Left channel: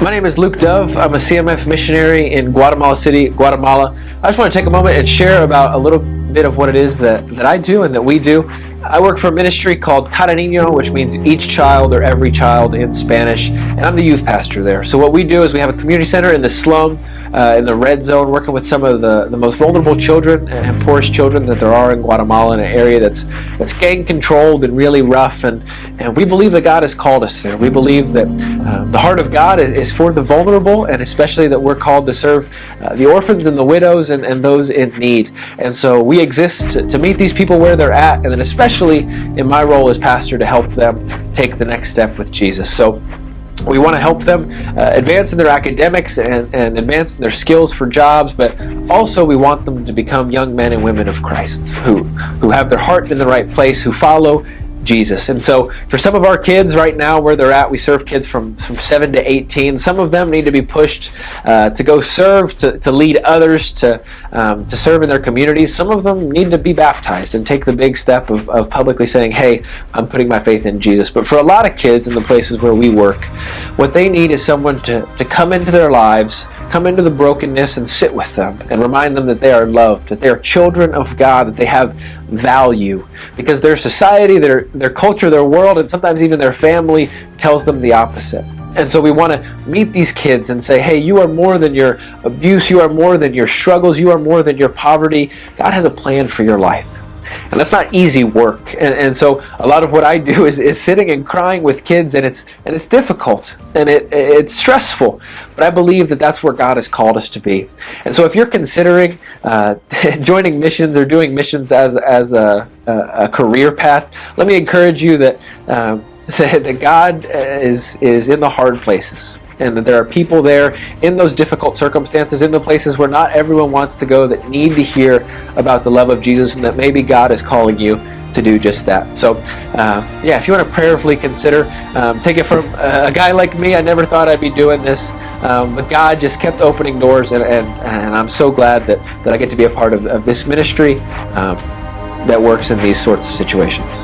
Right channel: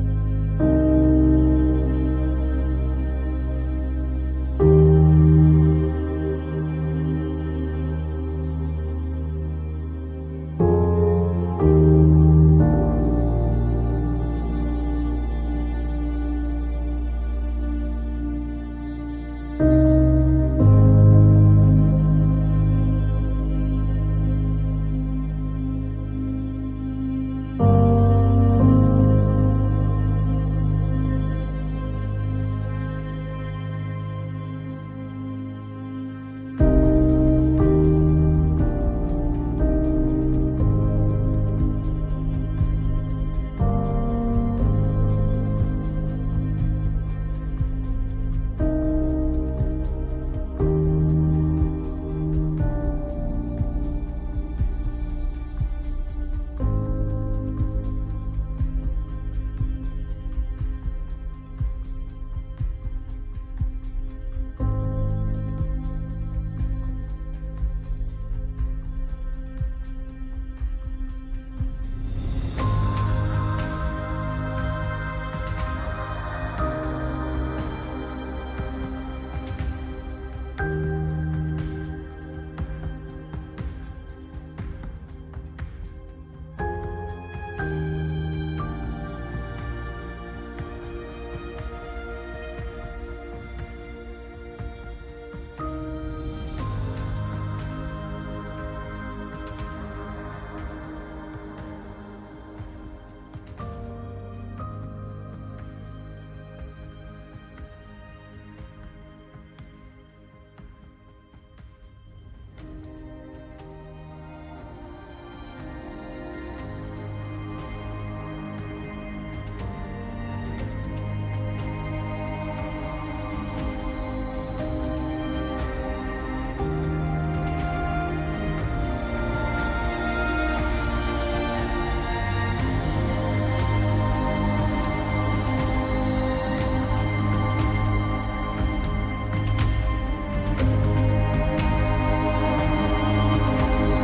My name is Luke Dove. I'm a CMF missionary in Guatemala City, Guatemala. I just want to take a moment and share about a little bit of what it is that I do and that we do. I work for a ministry called Cada Niño, which means each child or every child in Spanish, and I'm the youth pastor there. So what we do is we have a community center in the slum, in the red zone, working with some of the most vulnerable children and poorest children that there are in Guatemala, in an area that's gang controlled and really rough. And we believe that God has called us there. We believe that the heart of God is for the vulnerable, and especially that we're called to serve the orphans and the widows and those in need. And so we exist to meet these people where they're at, and then especially in my role as pastor to help them take the next step with Jesus. So we want to help them advance in their academics and advance in their skills for jobs, but also we want them to become young men and women of Christ who have their heart in the right place, who follow Jesus. And so for some of our kids right now where they're at, we serve kids from 7 to 18. Some of them need to be pushed to go serve, to lead others, to serve in their communities. Some of them need to be baptized and take the big step of publicly saying, hey, I'm putting my faith in Jesus. But for a lot of kids in the places where we work, what they need is someone to come into their lives, come into the brokenness and sit with them and remind them that they are loved, that they are children of God, that they have value, because their society, their culture, their world, and sometimes even their family tells them the opposite. And so we want to meet these kids and say, hey, you are more than your abuse, you are more than your struggles, you are more than your poverty. God has a plan for your life. And that's not easy work. And so a lot of what I do is sitting and crying with kids, and it's difficult and it's stressful. But I believe that that's where God has called us to be. And so if you're considering joining missions or doing missions as a career path, let me encourage you that God is in the hard places, and that there are people there in those difficult circumstances, in the places where not everyone wants to go, that need to hear about the love of Jesus, and that maybe God is calling you to do just that. So if you want to prayerfully consider, take it from a guy like me. I never thought I'd be doing this, but God just kept opening doors, and I'm so glad that I get to be a part of this ministry that works in these sorts of situations.